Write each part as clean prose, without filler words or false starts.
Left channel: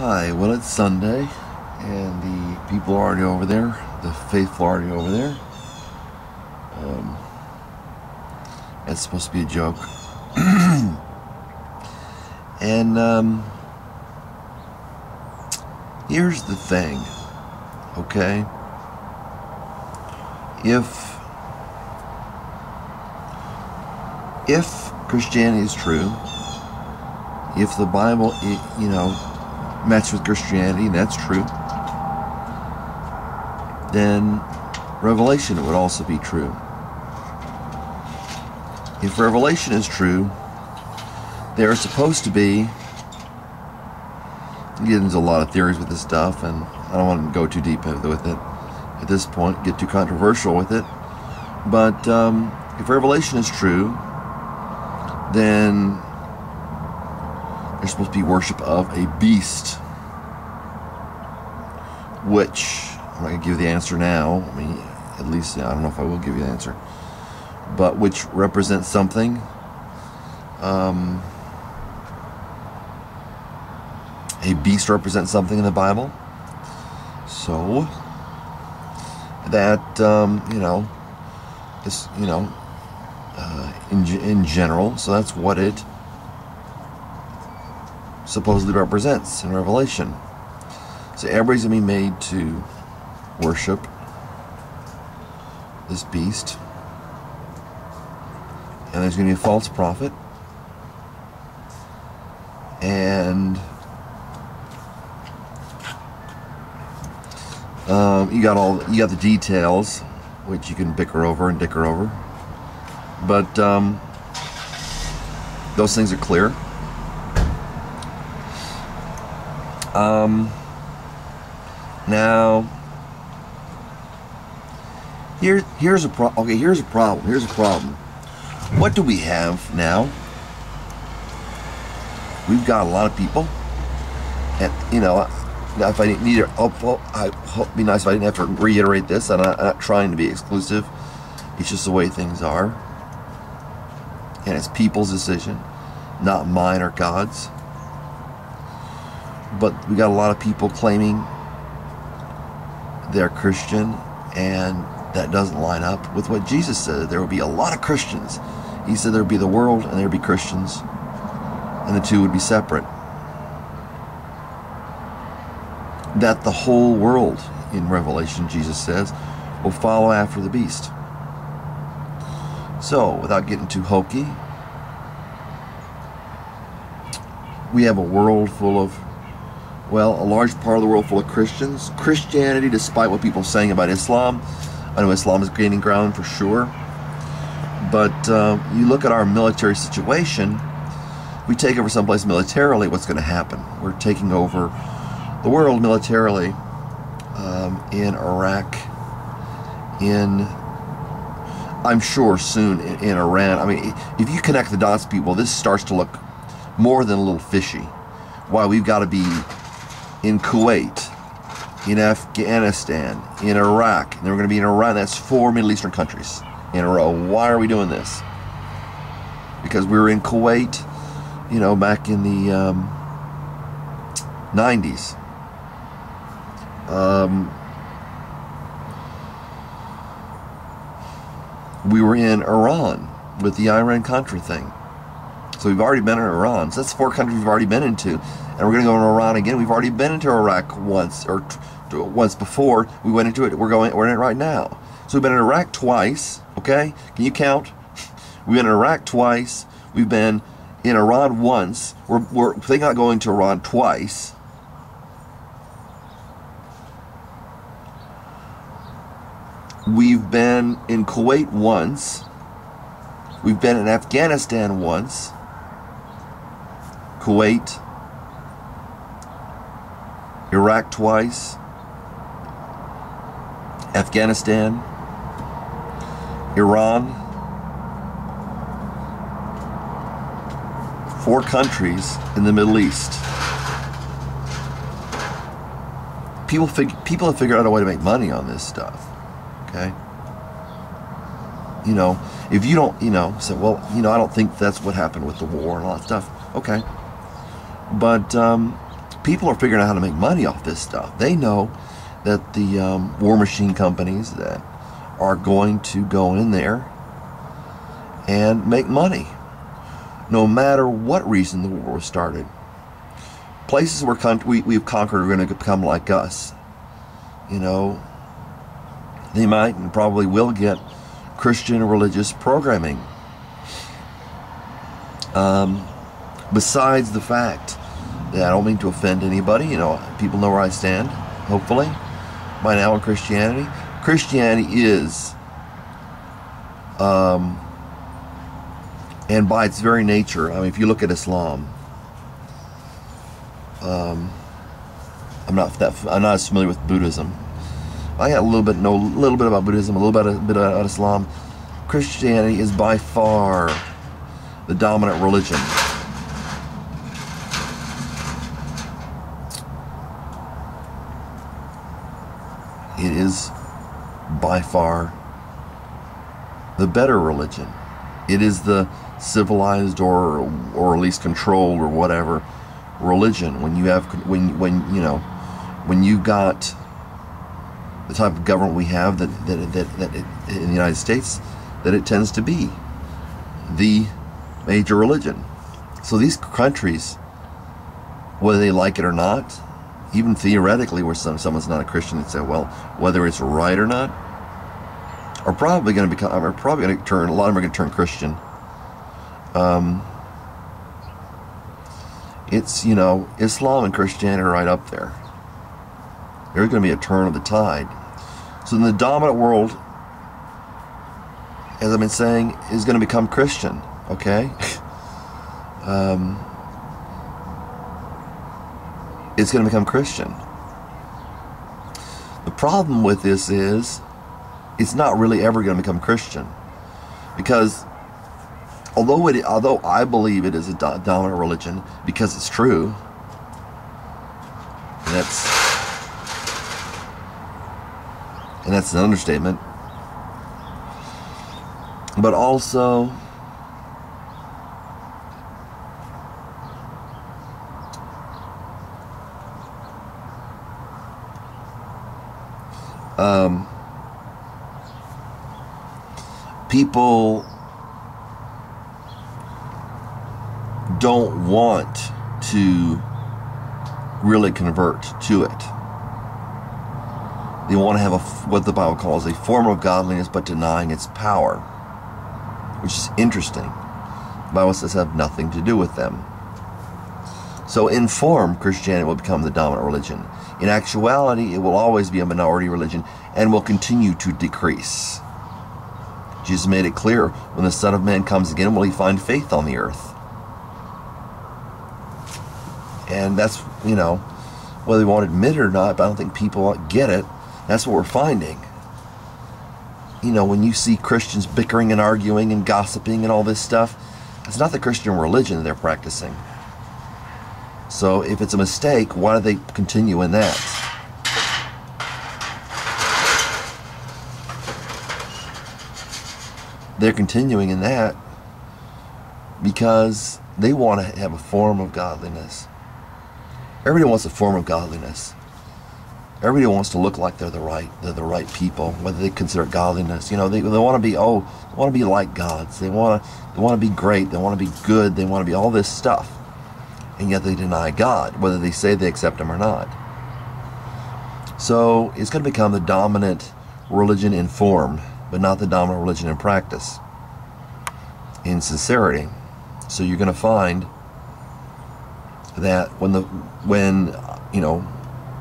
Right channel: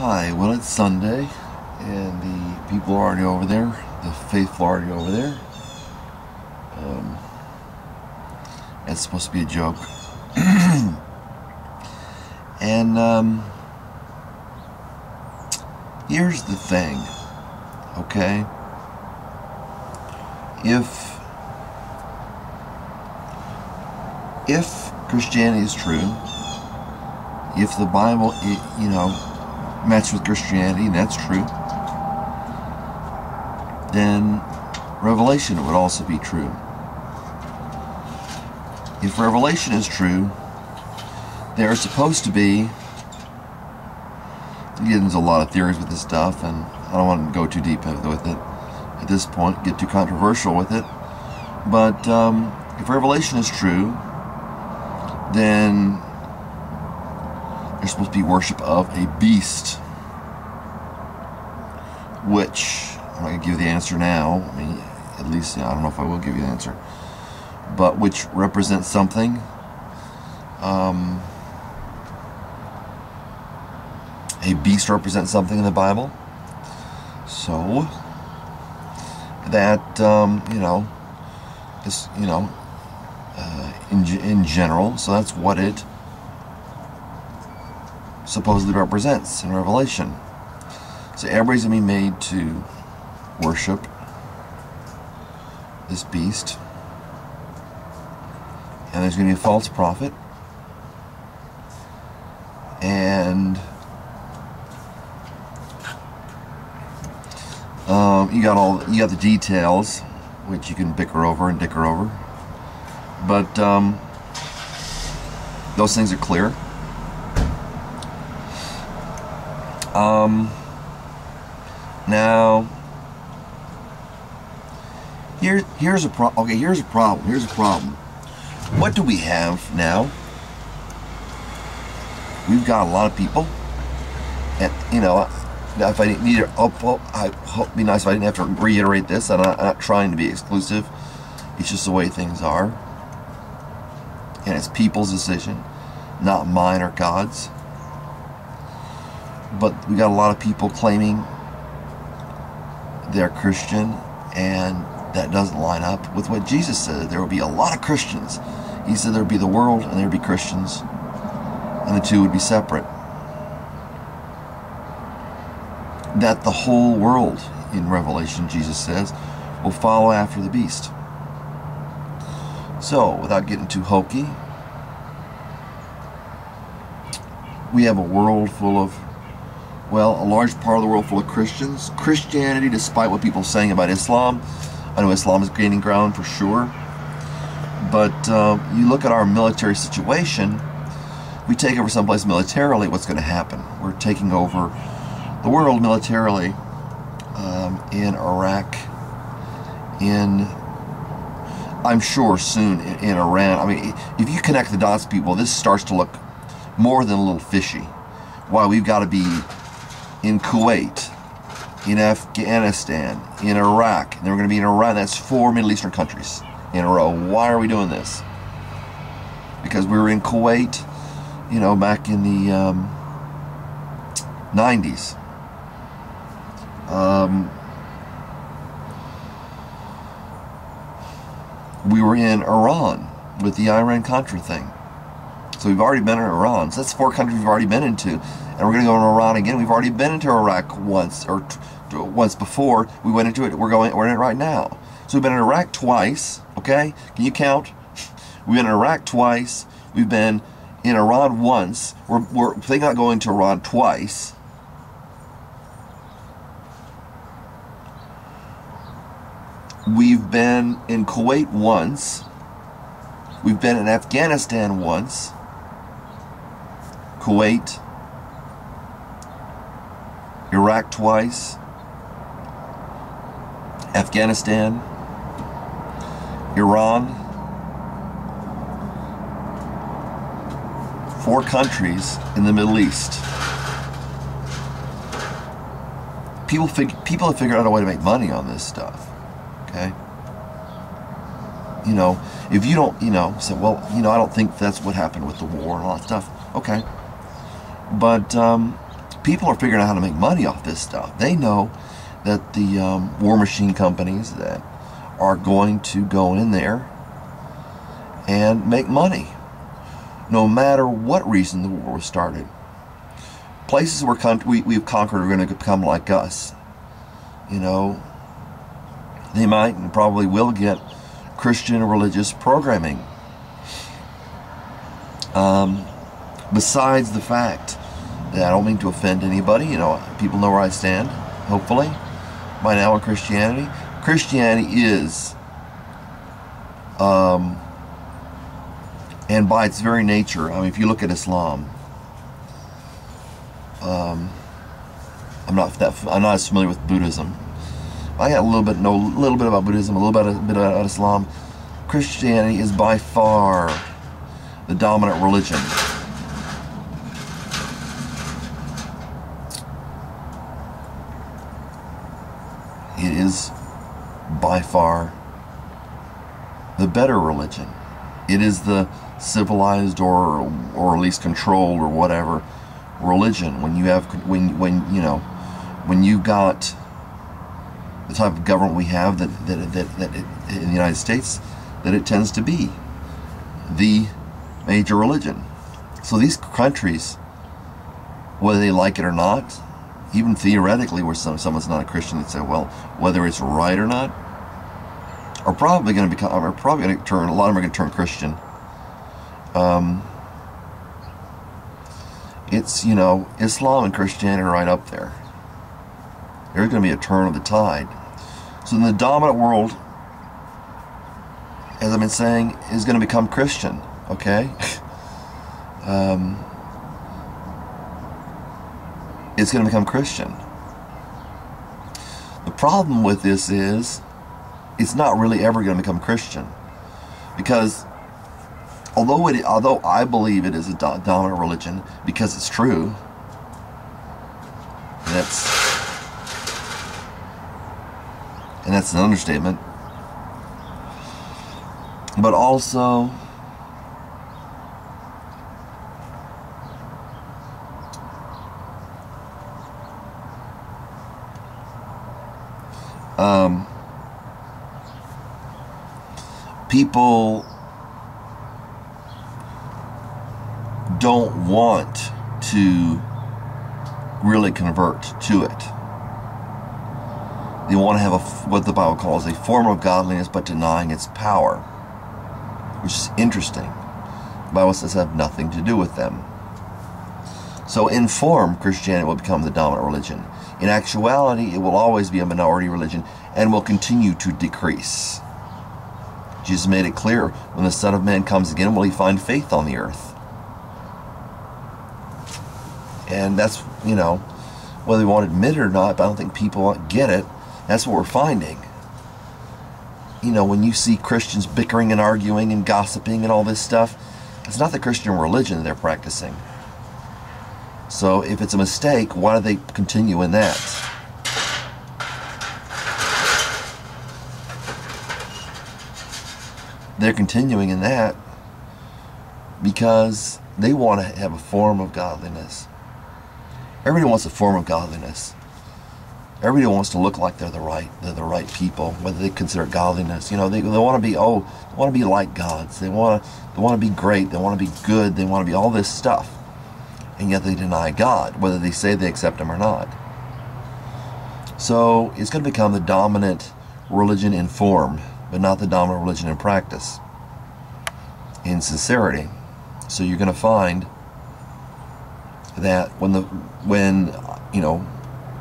Hi, well, it's Sunday, and the people are already over there. The faithful are already over there. It's supposed to be a joke. And here's the thing, okay? If Christianity is true, if the Bible, matches with Christianity, and that's true, then Revelation would also be true. If Revelation is true, there are supposed to be, there's a lot of theories with this stuff, and I don't want to go too deep with it at this point, get too controversial with it, but if Revelation is true, then there's supposed to be worship of a beast, which I'm not going to give you the answer now. I mean, at least, I don't know if I will give you the answer, but which represents something. A beast represents something in the Bible. So that, in general, so that's what it supposedly represents in Revelation. So everybody's going to be made to worship this beast, and there's going to be a false prophet, and you got the details, which you can bicker over and dicker over, but those things are clear. Now, here's a problem. Okay, here's a problem. What do we have now? We've got a lot of people, and if I didn't need it, I hope it'd be nice if I didn't have to reiterate this. I'm not trying to be exclusive. It's just the way things are, and it's people's decision, not mine or God's. But we got a lot of people claiming they're Christian, and that doesn't line up with what Jesus said. There will be a lot of Christians. He said there would be the world and there would be Christians, and the two would be separate. That the whole world, in Revelation, Jesus says, will follow after the beast. So, without getting too hokey, we have a world full of, well, a large part of the world full of Christians. Christianity, despite what people are saying about Islam, I know Islam is gaining ground for sure, but you look at our military situation, we take over someplace militarily, what's going to happen? We're taking over the world militarily, in Iraq, I'm sure soon in Iran. I mean, if you connect the dots, people, this starts to look more than a little fishy. Why we've got to be in Kuwait, in Afghanistan, in Iraq, and then we're going to be in Iran. That's 4 Middle Eastern countries in a row. Why are we doing this? Because we were in Kuwait, back in the 90s. We were in Iran with the Iran-Contra thing. So we've already been in Iran. So that's 4 countries we've already been into. And we're going to go in Iran again. We've already been into Iraq once, or once before. We went into it. We're in it right now. So we've been in Iraq twice. Okay? Can you count? We've been in Iraq twice. We've been in Iran once. We're thinking about going to Iran twice. We've been in Kuwait once. We've been in Afghanistan once. Kuwait, Iraq twice, Afghanistan, Iran, 4 countries in the Middle East. People have figured out a way to make money on this stuff. Okay? If you don't, say, well, I don't think that's what happened with the war and all that stuff. Okay. But people are figuring out how to make money off this stuff. They know that the war machine companies that are going to go in there and make money, no matter what reason the war was started. Places where we've conquered are going to become like us. You know, they might and probably will get Christian religious programming. Besides the fact that I don't mean to offend anybody, you know, people know where I stand, hopefully, by now in Christianity. Christianity is, and by its very nature, I mean, if you look at Islam, I'm not as familiar with Buddhism. I got know a little bit about Buddhism, a little bit about Islam. Christianity is by far the dominant religion. It is by far the better religion. It is the civilized or at least controlled or whatever religion. When you have when you've got the type of government we have that in the United States, that it tends to be the major religion. So these countries, whether they like it or not, even theoretically, where someone's not a Christian, they'd say, well, whether it's right or not, are probably going to become, are probably going to turn, a lot of them are going to turn Christian. It's, you know, Islam and Christianity are right up there. There's going to be a turn of the tide. So in the dominant world, as I've been saying, is going to become Christian, okay? It's going to become Christian. The problem with this is it's not really ever going to become Christian, because although I believe it is a dominant religion because it's true, and that's an understatement, but also people don't want to really convert to it. They want to have what the Bible calls a form of godliness, but denying its power, which is interesting. The Bible says have nothing to do with them. So in form, Christianity will become the dominant religion. In actuality, it will always be a minority religion and will continue to decrease. Jesus made it clear, when the Son of Man comes again, will he find faith on the earth? And that's, you know, whether they want to admit it or not, but I don't think people get it. That's what we're finding. You know, when you see Christians bickering and arguing and gossiping and all this stuff, it's not the Christian religion that they're practicing. So if it's a mistake, why do they continue in that? They're continuing in that because they want to have a form of godliness. Everybody wants a form of godliness. Everybody wants to look like they're the right people, whether they consider godliness. You know, they want to be like gods. They want to be great. They want to be good. They want to be all this stuff. And yet they deny God, whether they say they accept him or not. So it's going to become the dominant religion in form, but not the dominant religion in practice, in sincerity. So you're going to find that when you know,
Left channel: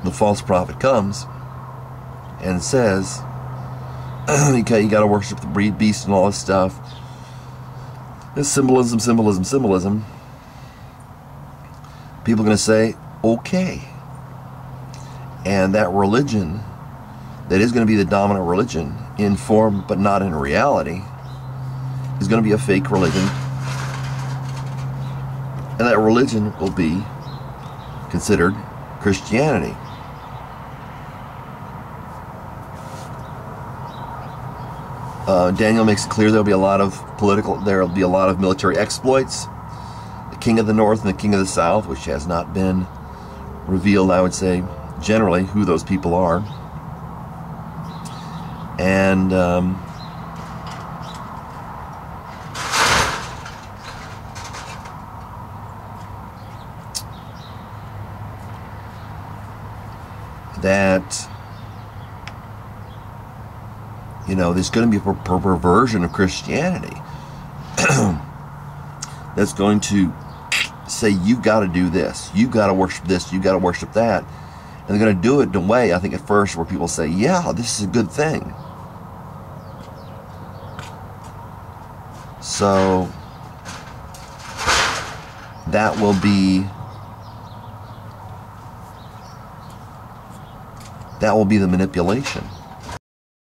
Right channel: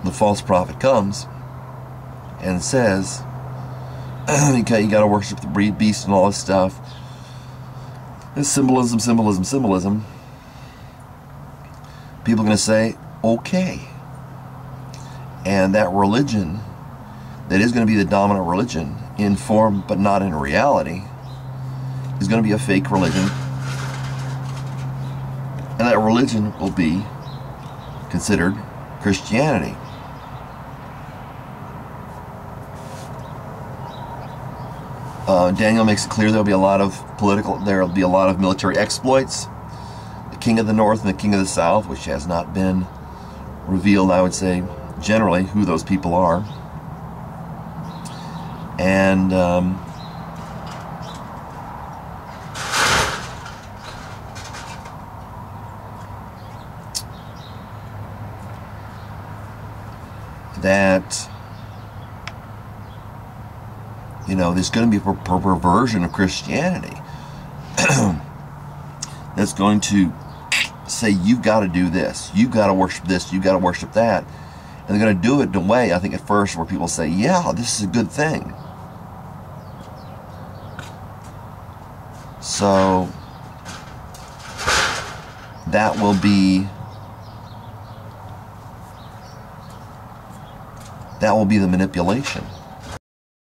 the false prophet comes and says, okay, you got to worship the beast and all this stuff, it's symbolism, symbolism, symbolism. People are going to say, okay. And that religion that is going to be the dominant religion in form but not in reality is going to be a fake religion. And that religion will be considered Christianity. Daniel makes it clear there'll be a lot of military exploits. The king of the north and the king of the south, which has not been revealed, I would say, generally who those people are. And that, you know, there's going to be a perversion of Christianity that's going to say, you've got to do this, you've got to worship this, you've got to worship that. And they're going to do it in a way, I think, at first where people say, yeah, this is a good thing. So that will be the manipulation.